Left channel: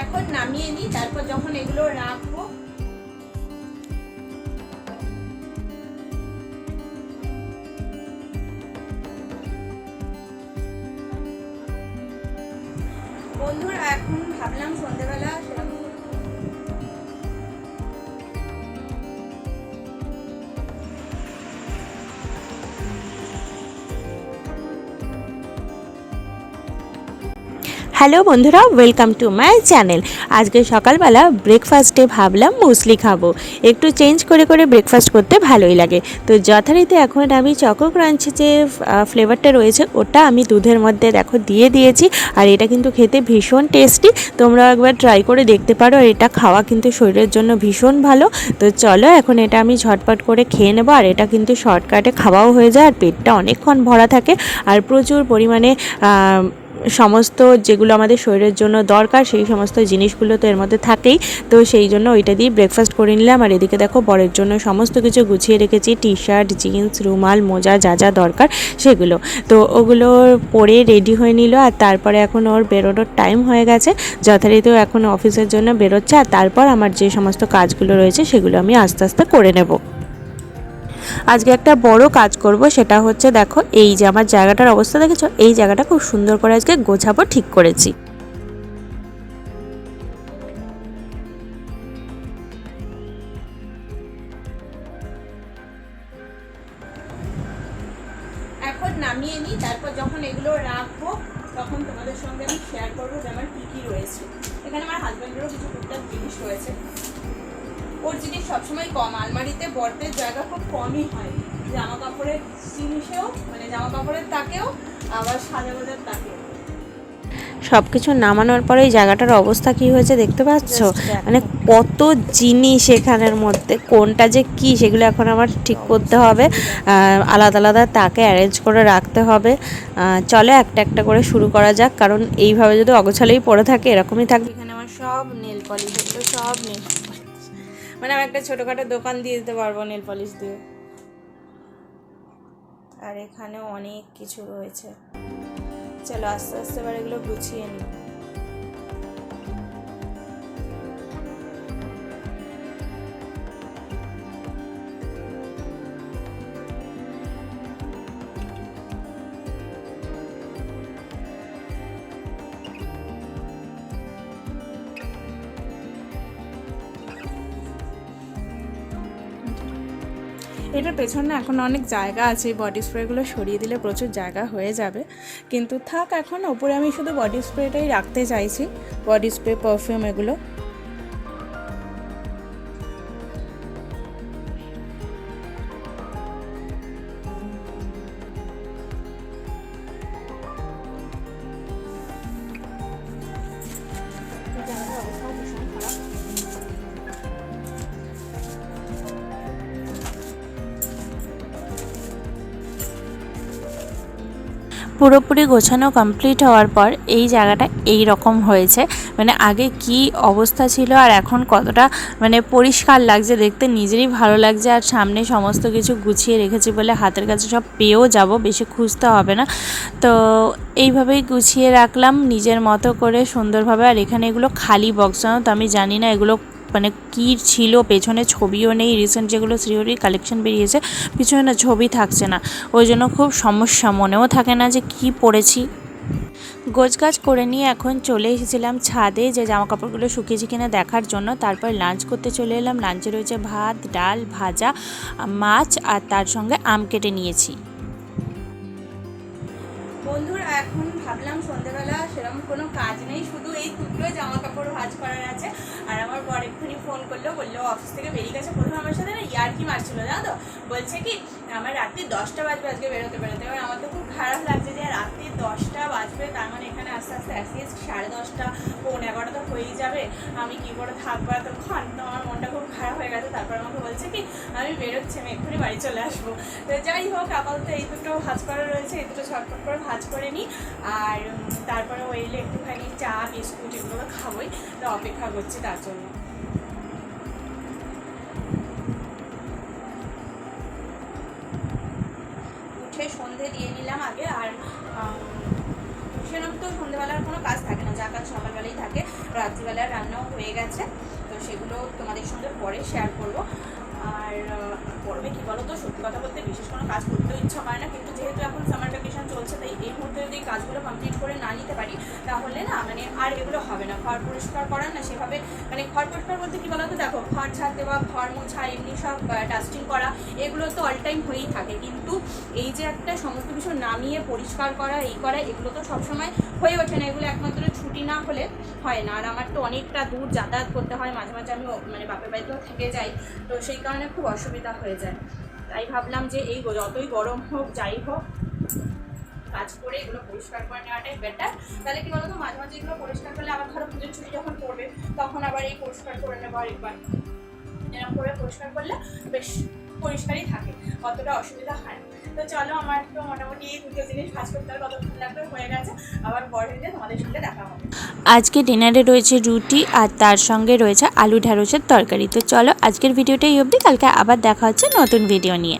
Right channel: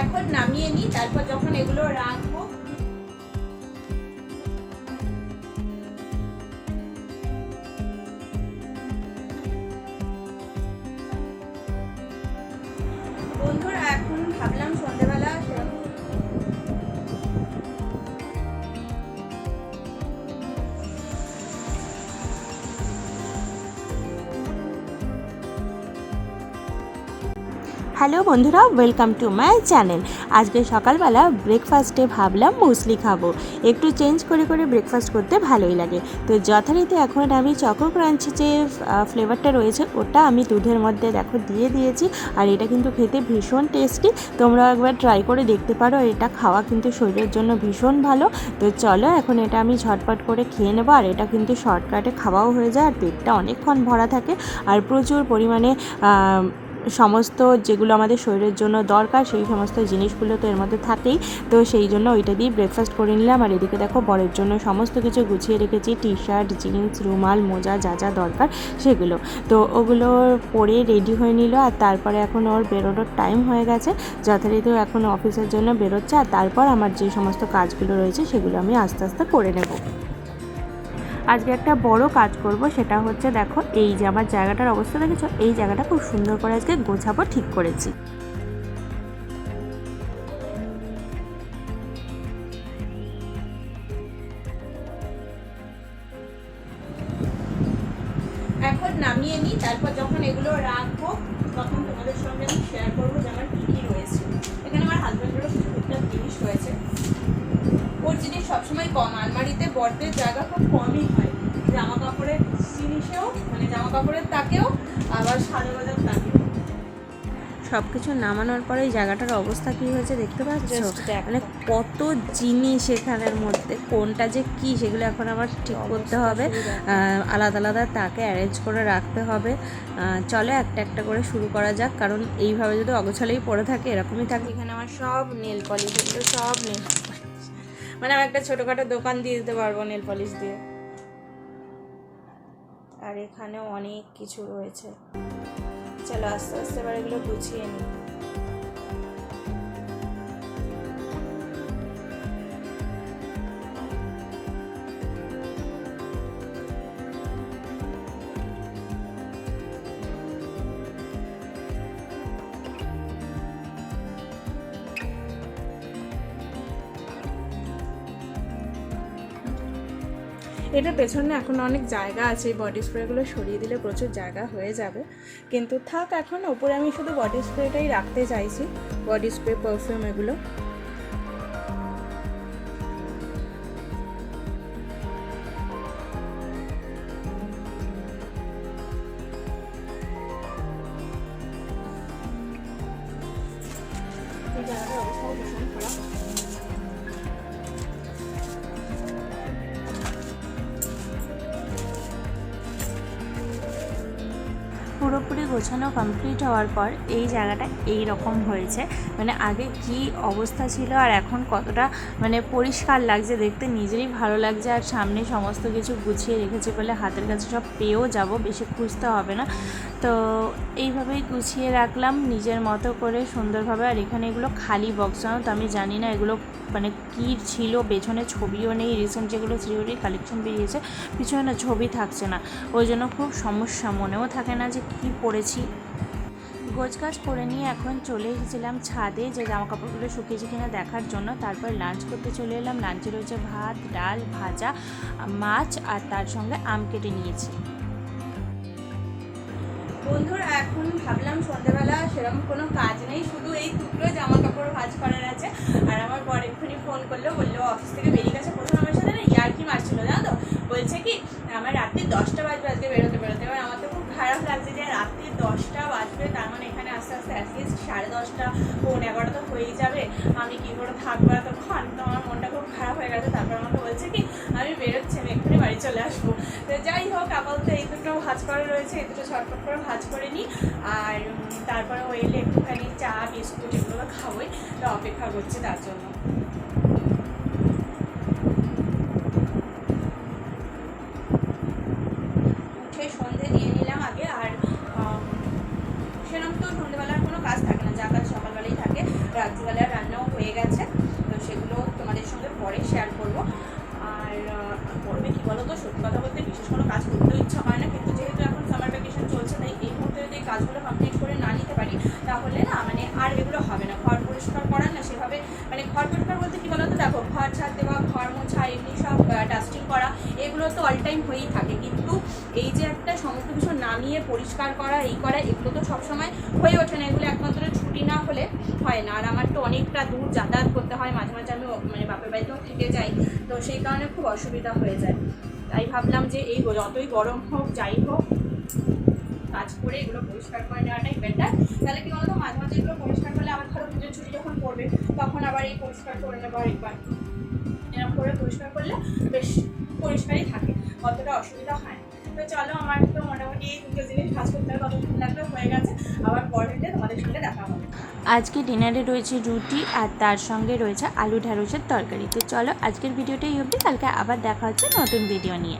এখন নামিয়ে নিই, তারপর যখন এগুলো রাখবো বন্ধুরা। এখন ভাবলাম সন্ধ্যেবেলা সেরকম হ্যালো বন্ধুরা, ওয়েলকাম টু মাই চ্যানেল। আজকে সকালবেলা ব্রেকফাস্টে ভাবলাম মুসলি খাবো। একটু চেঞ্জ করে করে ব্রেকফাস্ট করতে ভালোই লাগে। তো যথারীতি এখন আমি চকো ক্রাঞ্চি যে ফ্লেভারটা রয়েছে ওটা আমি দুধের মধ্যে দেখো দিয়ে দিয়েছি। আর এটা কিন্তু খেতে ভীষণ টেস্টি, তোমরা একবার ট্রাই করে দেখতে পারো। আর এটা খাওয়া কিন্তু শরীরের জন্য ভীষণ ভালো। তো চলো এখন এটা আমি ঝটপট করে খেয়ে নেবো। আর এটা কিন্তু শর্টকাটে খাওয়াও হয়ে যায়, আর পেটটা অনেকক্ষণ ভরা থাকে। আর প্রচুর পরিমাণে সমস্ত যেগুলো আমাদের শরীরের জন্য দরকার সেই সমস্ত জিনিসগুলো তো এর মধ্যে থাকেই। তো সেই জন্য ওইটা দিয়ে ব্রেকফাস্ট করে নিলাম। আর এদিকে দেখো বরের জন্য সমস্ত কিছু গুছিয়ে রেখেছি, টি শার্ট, জিন্স, রুমাল, মোজা, যা যা দরকার সেগুলো। তো ওগুলো পরে রেডি হয়ে নিল। আর তারপরে এখন ওর বেরোনোর টাইম হয়ে গেছে, যথারীতি এখন অফিসের জন্য বেরোচ্ছে। আর তারপর আমার যে সমস্ত কাজগুলো রয়েছে সেগুলো আমি আস্তে আস্তে করে নেব। আজকে একটা বড় কাজ করব, সেটা হচ্ছে দেখো এই যে আমার জায়গাটার অবস্থা দেখেছো, এই জায়গাটা খুব সুন্দর করে আজকে গোছাবো ঠিক করেছি। এখন নামিয়ে নিই, তারপর যখন এগুলো রাখবো তখন তোমাদের সঙ্গে আমি শেয়ার করবো যে আমার কী কী রয়েছে। এখানে আমার হাজব্যান্ডেরও কিছু টুকটাক জিনিস রয়েছে। ওর জিনিস সবসময় কম, আলমারিতে বড়দের জায়গা খুব কমই হয়, জামা কাপড়ের জিনিসেও মানে জামা কাপড়ের তাকেও, আবার সাজাগোজার তাকেও। সব কিছু নামানোর পরে এই জায়গাটার অবস্থা কি হয়েছে দেখতে পাচ্ছ, মানে কত জিনিস এখানের মধ্যে, কোনটা যে কি সেগুলো এখন আমার ঠিক করতে হবে। আলাদা আলাদা তাকে অ্যারেঞ্জ করে রাখতে হবে। চলো একটা একটা করে শুরু করা যাক, কারণ এইভাবে যদি অগোছালেই পড়ে থাকে এরকমই থাকবে। এখানে আমার সব নেল পলিশ, এগুলো সব নেল পলিশ, মানে আমি একটা ছোটোখাটো দোকান দিয়ে দিতে পারবো নেল পলিশ দিয়ে। আর এখানেও অনেক কিছু রয়েছে। চলো আস্তে আস্তে এবার এগুলো গুছিয়ে নিই। এটার পেছনে এখন অনেক জায়গা আছে, বডি স্প্রেগুলো সরিয়ে দিলে প্রচুর জায়গা হয়ে যাবে, কিন্তু থাক এখন। ওপরে আমি শুধু বডি স্প্রেটাই রাখতে চাইছি, বডি স্প্রে, পারফিউম এগুলো। জায়গাটার অবস্থাও ভীষণ খারাপ। পুরোপুরি গোছানো কমপ্লিট হওয়ার পর এই জায়গাটা এই রকম হয়েছে, মানে আগে কি অবস্থা ছিল আর এখন কতটা মানে পরিষ্কার লাগছে দেখতে, নিজেরই ভালো লাগছে। আর সামনে সমস্ত কিছু গুছিয়ে রেখেছি বলে হাতের কাছে সব পেয়েও যাব, বেশি খুঁজতে হবে না। তো এইভাবেই গুছিয়ে রাখলাম নিজের মতো করে সুন্দরভাবে। আর এখানে এগুলো খালি বক্স, জানো তো, আমি জানি না এগুলো মানে কী ছিল, পেছনে ছবিও নেই। রিসেন্ট যেগুলো শ্রীহরির কালেকশন বেরিয়েছে পিছনে না ছবি থাকছে না, ওই জন্য খুব সমস্যা, মনেও থাকে না যে কি পরেছি। গোছগাছ করে নিয়ে এখন চলে এসেছিলাম ছাদে যে জামা কাপড়গুলো শুকিয়েছে কিনা দেখার জন্য। তারপর লাঞ্চ করতে চলে এলাম। লাঞ্চে রয়েছে ভাত, ডাল, ভাজা, মাছ, আর তার সঙ্গে আম কেটে নিয়েছি। বন্ধুরা এখন ভাবলাম সন্ধ্যেবেলা সেরকম কোনো কাজ নেই, শুধু এই দুটো জামা কাপড় ভাঁজ করার আছে। আর আমার বর এক্ষুনি ফোন করলো, বললো অফিস থেকে বেরিয়ে গেছে। প্রথমে আমার সাথে না ইয়ার্কি মারছিল, জানো তো, বলছে কি আমার রাত্রি 10টা বাজবে আজকে বেরোতে বেরোতে। এবার আমার তো খুব খারাপ লাগছে যে রাত্রি 10টা বাজবে, তার মানে এখানে আস্তে আস্তে অ্যাটলিস্ট 10:30, 11:15 তো হয়েই যাবে। আমি কী করে থাকবো এতক্ষণ, তো আমার মনটা খুব খারাপ হয়ে গেছে। তারপর আমাকে বলছে কি আমি বেরোচ্ছি, আমি এক্ষুনি বাড়ি চলে আসবো। তো যাই হোক, আপাতত এই দুটো ভাঁজ করা রয়েছে, এই দুটো ছটফট করে ভাঁজ করে নিই। আর তারপরে ও এলে একটুখানি চা, বিস্কুট এগুলো তো খাবোই, তো অপেক্ষা করছি তার জন্য। উঠে সন্ধে দিয়ে নিলাম আগে। আর সেরকম তো সন্ধ্যেবেলার কোনো কাজ থাকে না, যা কাজ সকালবেলাই থাকে। রাত্রিবেলার রান্নাও হয়ে গেছে, তো সেগুলো তোমাদের সঙ্গে পরে শেয়ার করব। আর পড়বে কী বলো তো, সত্যি কথা বলতে বিশেষ কোনো কাজ করতেও ইচ্ছা করে না, কিন্তু যেহেতু এখন সামার ভ্যাকেশন চলছে, তাই এই মুহূর্তে যদি এই কাজগুলো কমপ্লিট করে না নিতে পারি তাহলে না মানে আর এগুলো হবে না। ঘর পরিষ্কার করার না সেভাবে মানে ঘর পরিষ্কার বলতে কী বলো তো, দেখো ঘর ঝাড় দেওয়া, ঘর মোছা, এমনি সব ডাস্টিং করা, এগুলো তো অল টাইম হয়েই থাকে, কিন্তু এই যে একটা সমস্ত কিছু নামিয়ে পরিষ্কার করা, এই করা, এগুলো তো সবসময় হয়ে ওঠে না। এগুলো একমাত্র ছুটি না হলে হয় না। আর আমার তো অনেকটা দূর যাতায়াত করতে হয়, মাঝে মাঝে আমি মানে বাপের বাড়িতেও থেকে যাই, তো সেই কারণে খুব অসুবিধা হয়ে যায়। তাই ভাবলাম যে এই যতই গরম হোক যাই হোক কাজ করে এগুলো পরিষ্কার করে নেওয়াটাই বেটার। তাহলে কি বলতো, মাঝে মাঝে এগুলো পরিষ্কার করলে আবার ধরো পুজোর ছুটি যখন পড়বে তখন আবার এই পরিষ্কার করে নেবো আরেকবার, এরকম করে পরিষ্কার করলে বেশ পরিষ্কারই থাকে, অতটা অসুবিধা হয় না। তো চলো, আমার তো মোটামুটি এই দুটো জিনিস ভাজ করতে আর কতক্ষণ লাগবে হয়ে গেছে, আবার পরের দিন তোমাদের সঙ্গে দেখা হবে। আজকে ডিনারে রয়েছে রুটি আর তার সঙ্গে রয়েছে আলু ঢ্যাঁড়সের তরকারি। তো চলো আজকের ভিডিওটা এই অবধি, কালকে আবার দেখা হচ্ছে নতুন ভিডিও নিয়ে।